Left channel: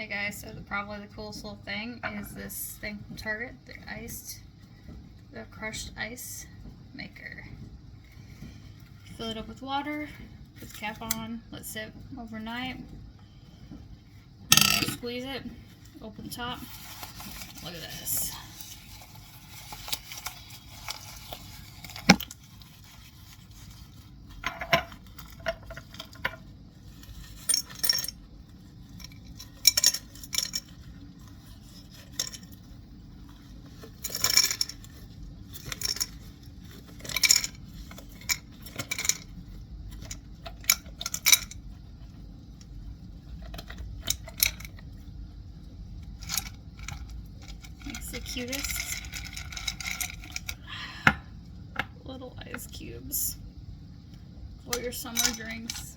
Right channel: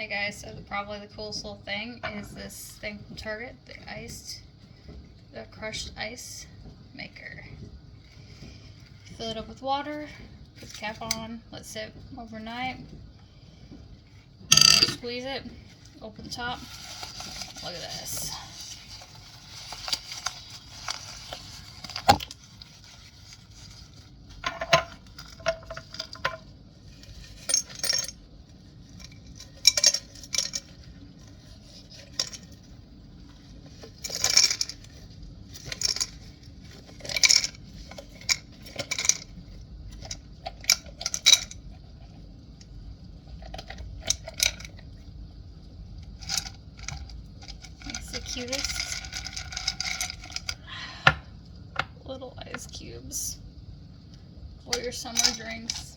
Hey guys, so probably the coolest little thing is this thing from Target, the crushed ice maker. Fill it up with water, put the cap on, let it sit overnight, then squeeze it, open the top. Look at this. It's the cutest little ice cubes for your summer drinks.